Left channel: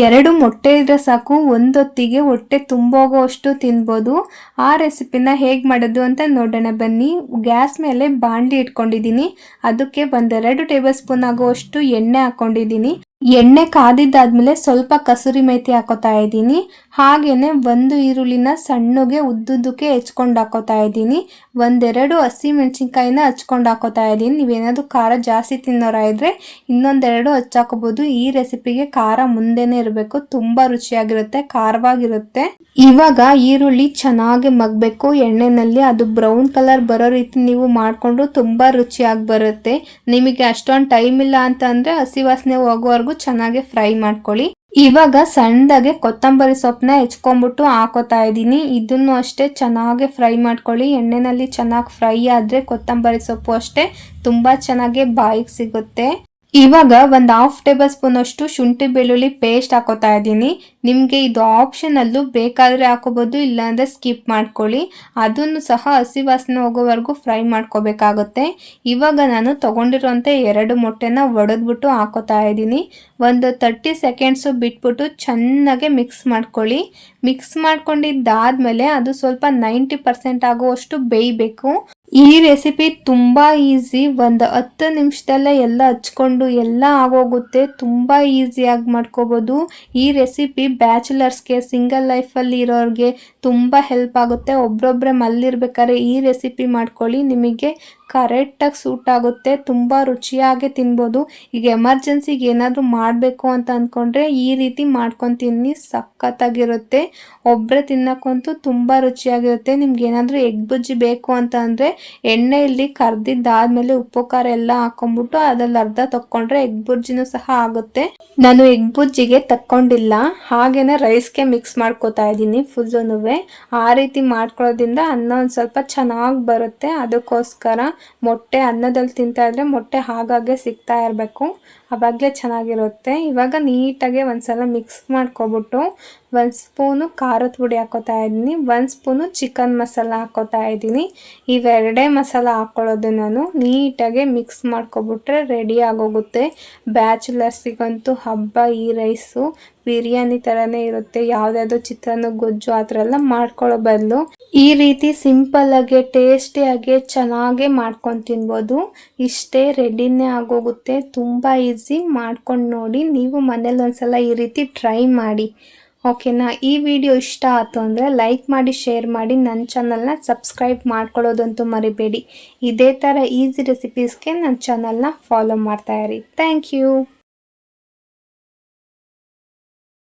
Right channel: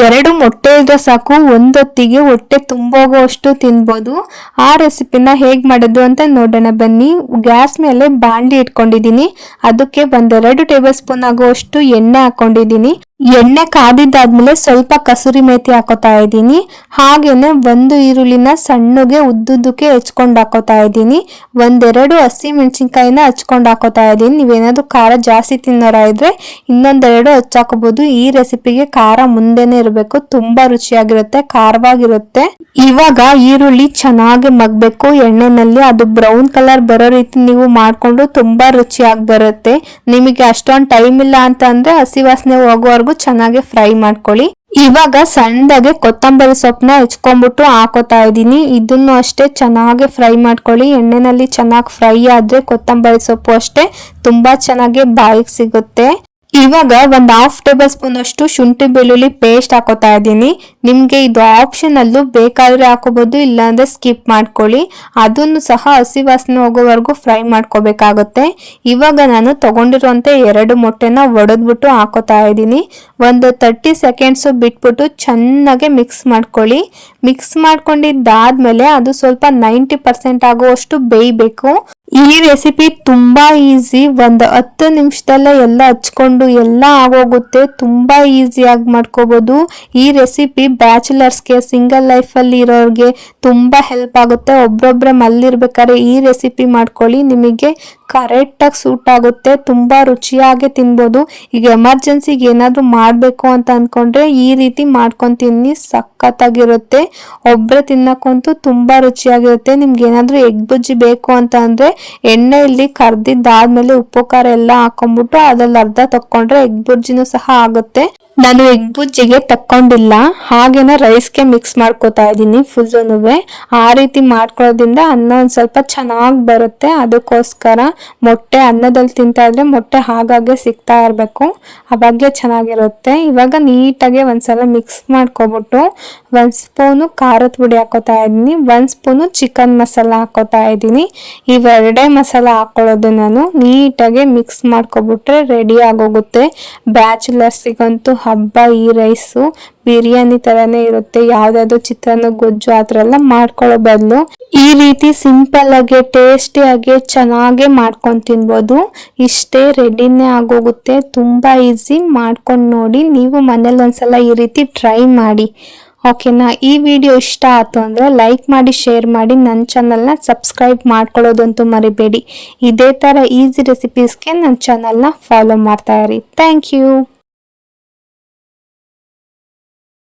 ಎರಡು ಮೊಟ್ಟೆ ಇದ್ರೆ ಸಾಕು, ಒಂದೊತ್ತಿಗೆ ಹೊಟ್ಟೆ ತುಂಬೋಗೋಷ್ಟು ತಿನ್ಬೋದು. ಆ ರೆಸಿಪಿನ ಹೇಗೆ ಮಾಡೋದು ಅಂತ ನೋಡೋಣ ಬನ್ನಿ. ಗ್ಯಾಸ್ ಮೇಲೆ ಬಾಂಡಿ ಇಟ್ಕೊಂಡಿದ್ದೀನಿ. ಅದಕ್ಕೆ ಒಂದೆರಡು ಟೇಬಲ್ ಸ್ಪೂನ್ ಆಗುವಷ್ಟು ಎಣ್ಣೆ ಹಾಕೊಂಡಿದ್ದೀನಿ. ಎಣ್ಣೆ ಕಾದಿದ್ದಾದ್ಮೇಲೆ ಸ್ವಲ್ಪ ಕಸೂರಿ ಮೇಥಿ ಹಾಕೋತಾ ಇದ್ದೀನಿ. ಹಾಗೇನೆ ಒಂದು ಈರುಳ್ಳಿನ ಸಣ್ಣಗೆ ಉದ್ದುದ್ದಕ್ಕೆ ಹೆಚ್ಕೊಂಡು ಹಾಕೋತಾ ಇದ್ದೀನಿ. ಒಂದೆರಡು ಹಸಿ ಮೆಣಸಿನ್ಕಾಯಿನ ಹಚ್ಕೊಂಡು ಹಾಕೋತಾ ಇದ್ದೀನಿ. ನೀವೇನಾದರೂ ಖಾರ ಜಾಸ್ತಿ ತಿನ್ನೋರ ಇದ್ರೆ ಇನ್ನೊಂದೆರಡು ಹಚ್ಚಾಕೋಬಹುದು ಈ ರೆಸಿಪಿಗೆ ಖಾರ ಮುಂದೆನೆ ಇರಬೇಕು. ತುಂಬಾ ರುಚಿಯಾಗಿರುತ್ತೆ, ಖಾರವಾಗಿರುತ್ತೆ. ಇವಾಗ ಈರುಳ್ಳಿ ಚೆನ್ನಾಗಿ ಮಗ್ಬೇಕು. ಎಣ್ಣೆನಲ್ಲಿ ಅದು ಬ್ರೌನ್ ಕಲರ್ ಬರೋ ರೀತಿ ನೀವು ಮಾಡಿಕೊಂಡು ತುಂಬಾ ರುಚಿಯಾಗಿ ಬರುತ್ತೆ. ನಿಮಗೆ ಅಷ್ಟೊಂದು ಟೈಮ್ ಇಲ್ಲ ಅಂತ ಅಂದ್ರೆ ಹಸಿ ವಾಸನೆ ಹೋಗೋವರೆಗೂ ಚೆನ್ನಾಗಿ ಫ್ರೈ ಮಾಡ್ಕೊಳ್ಳಿ. ಇವಾಗ ಸಣ್ಣದಾಗೆ ಕೊತ್ತಂಬರಿ ಸೊಪ್ಪನ್ನ ಹೆಚ್ಕೊಂಡ್ಬಿಟ್ಟು ಹಾಕೋತಾ ಇದ್ದೀನಿ. ಇದನ್ನು ಅಷ್ಟೇ ಚೆನ್ನಾಗಿ ಫ್ರೈ ಮಾಡ್ಕೊಳ್ಳಿ. ಎಣ್ಣೆನಲ್ಲಿ ಚೆನ್ನಾಗಿ ಫ್ರೈ ಆದ್ರೆ ಕೊತ್ತಂಬರಿ ಸೊಪ್ಪು ಅಷ್ಟೇ ತುಂಬಾ ಚೆನ್ನಾಗಿ ಬಾಯಿಗೆ ಸಿಗುತ್ತೆ. ಇವಾಗ ಒಂದು ಹಾಫ್ ಟೇಬಲ್ ಸ್ಪೂನ್ ಅಷ್ಟು ಶುಂಠಿ ಬೆಳ್ಳುಳ್ಳಿ ಪೇಸ್ಟ್ ಹಾಕೋತಾ ಇದ್ದೀನಿ. ನಿಮಗೆ ಇದು ಆಪ್ಷನ್ ಅಲ್ಲೂ ಬೇಕಾದ್ರೆ ಹಾಕೋಬಹುದು ಇಲ್ಲಾಂದ್ರೆ ಸ್ಕಿಪ್ ಮಾಡ್ಕೊಳ್ಳಿ. ಅದನ್ನು ಸಹ ಹಸಿ ವಾಸನೆ ಹೋಗೋವರೆಗೂ ಫ್ರೈ ಮಾಡ್ಕೋಬೇಕಾಗುತ್ತೆ. ಇವಾಗ ನಾನು ತಗೊಂಡಿರುವಂತ ಎರಡು ಮೊಟ್ಟೆನ ಒಡೆದ್ಬಿಟ್ಟು ಹಾಕೋತಾ ಇದ್ದೀನಿ. ಒಂದು ತರ್ಟಿ ಸೆಕೆಂಡ್ಸು ಬಿಟ್ಬಿಟ್ಟು ಚೆನ್ನಾಗಿ ಮಿಕ್ಸ್ ಮಾಡ್ಕೊಳ್ಳಿ. ಮಿಕ್ಸ್ ಮಾಡ್ಕೊಂಡಿದ್ದಾದ್ಮೇಲೆ ಅದು ಸ್ವಲ್ಪ ನೈಂಟಿ ಪರ್ಸೆಂಟ್ ಆಗುವಷ್ಟು ಬೇಯಬೇಕು. ಈ ರೆಸಿಪಿ ತುಂಬಾ ಈಸಿ ಒಂದು ಹತ್ತು ನಿಮಿಷದಲ್ಲೇ ಎಲ್ಲ ಹಚ್ಕೊಂಡು ಎಲ್ಲ ಆಗೋಗುತ್ತೆ. ತುಂಬಾ ಈಸಿಯಾಗಿ ಮಾಡ್ಕೋಬಹುದು ಈ ರೆಸಿಪಿ ಬ್ಯಾಚುಲರ್ಸ್ಗೆ ಸಿಂಗಲ್ ಲೈಫಲ್ಲಿ ಇರೋರಿಗೆ ತುಂಬಾ ಹೆಲ್ಪ್ ಆಗುತ್ತೆ. ಒಬ್ರೊಬ್ರೆ ಮಲ್ಲಿರ್ಬೇಕಾದ್ರೆ ಈ ರೆಸಿಪಿ ಮಾಡ್ಕೊಳ್ಳಿ. ನಿಮಗೆ ಕರೆಕ್ಟಾಗಿ ಸೂಟ್ ಆಗುತ್ತೆ, ತುಂಬಾ ರುಚಿಯಾಗಿ ತಿನ್ಬೋದು. ಈಗ ಎಮರ್ಜೆನ್ಸಿಗೆ ಏನಾದರೂ ಮಾಡಬೇಕು ಅಂತ ಅಂದ್ಕೊಂಡ್ರೆ ಈ ರೀತಿ ಮಾಡ್ಕೊಂಡು ತಿನ್ನಿ, ಸಖತ್ತಾಗಿರುತ್ತೆ. ಒಬ್ಬರೇ ತಿನ್ನಕ್ಕಂತೂ ತುಂಬಾ ರುಚಿಯಾಗಿರುತ್ತೆ. ನಿಮ್ಗೆ ಏನಾದರೂ ಎಗ್ ಬುಜ್ಜಿ ಬೇಕು ಅಂತ ಅಂದರೆ ಎಣ್ಣೆಯಲ್ಲಿ ಕರ್ದಿದ್ದಾದ್ಮೇಲೆ ಉಪ್ಪು, ಖಾರ ಎಲ್ಲ ಹಾಕೊಂಡ್ಬಿಟ್ಟು ಅದ್ರಲ್ಲಿ ಅರ್ಧ ತಕ್ಕೊಂಡ್ರೆ ಎಗ್ ಬುಜ್ಜಿನೂ ಸಹ ಆಗುತ್ತೆ. ನಾನು ಎಗ್ ಬುಜ್ಜಿಗೆ ತಕ್ಕೊಂಡಿಲ್ಲ. ಹಾಗೇನ ರೈಸ್ಗೆ ಮಿಕ್ಸ್ ಮಾಡ್ಕೋತಾ ಇದ್ದೀನಿ ಫುಲ್ನುವೆ ಆ ರೀತಿ ಮಾಡ್ಕೊಳ್ಳೋದ್ರಿಂದ ಅನ್ನ ಒಂದು ಸ್ವಲ್ಪ ಚೆನ್ನಾಗಿ ಬರುತ್ತೆ. ಅದಕ್ಕೋಸ್ಕರ ಮೊಟ್ಟೆ ಅನ್ನದಲ್ಲಿ ತಿಂತಾ ಇದ್ರೆ ಮೊಟ್ಟೆ ಹಾಗಾಗೆ ಸಿಗ್ತಾ ಇರಬೇಕು. ಅವಾಗಲೇ ಚೆನ್ನಾಗಿರುತ್ತೆ. ಇವಾಗ ನೀಟಾಗಿ ಒಂದ್ಸಲ ಮಿಕ್ಸ್ ಮಾಡ್ಕೊಬಿಟ್ಟು ಒಂದು ಸ್ಪೂನು ಖಾರದ ಪುಡಿ ಹಾಕೋತಾ ಇದ್ದೀನಿ. ಒಂದು ಸ್ಪೂನು ಚಿಕನ್ ಮಸಾಲ ಹಾಕೋತಾ ಇದ್ದೀನಿ. ಇವೆರಡೇ ಮಸಾಲ ಹಾಕೊಳ್ಳೋದು ನಾನು. ನೀಟಾಗಿ ಮಿಕ್ಸ್ ಮಾಡ್ಕೊಬಿಟ್ರೆ ರೆಡಿ ಆಗೋಗುತ್ತೆ. ಬ್ಯಾಚುಲರ್ಸಿಗಂತೂ ಹಬ್ಬ, ಈ ರೈಸು, ಬಿರಿಯಾನಿ ಥರನೇ ಇರುತ್ತೆ. ಯಾವುದಾದ್ರು ಚಿತ್ರಾನ್ನ, ಗೊಜ್ಜು, ಆ ಥರ ಎಲ್ಲ ಮಾಡ್ಕೊಳ್ಳೋ ಬದಲು. ಈ ರೀತಿ ಸಿಂಪಲ್ಲಾಗೆ ಟೇಸ್ಟಿಯಾಗಿ ಚೆನ್ನಾಗೆ ಮಾಡ್ಕೊಂಡು ತಿನ್ಬೋದು. ಇಷ್ಟೇ ರೆಡಿನೇ ಆಗೋಗುತ್ತೆ. ತುಂಬ ಈಸಿ ಮಾಡ್ಕೊಂಡು ನೋಡಿ ನೀವು ಮನೇಲಿ ಒಂದ್ಸಲ ಈ ರೀತಿ ಟ್ರೈ ಮಾಡಿ. ಓಕೆನಾ ಈ ವಿಡಿಯೋ ಇಷ್ಟ ಆಯ್ತು ಅಂದರೆ ಲೈಕ್ ಮಾಡಿ ಶೇರ್ ಮಾಡಿ. ನನ್ನ ಚಾನಲ್ನ ಸಬ್ಸ್ಕ್ರೈಬ್ ಮಾಡ್ಕೊಳ್ಳೋದಂತೂ ಮರಿಬೇಡಿ. ಇದೇ ಥರ ಈಸಿ ರೆಸಿಪೀಸ್ಗೆ ನನ್ನ ಚಾನಲ್ನ ಫಾಲೋ ಮಾಡ್ತಾ ಇರಿ. Thank you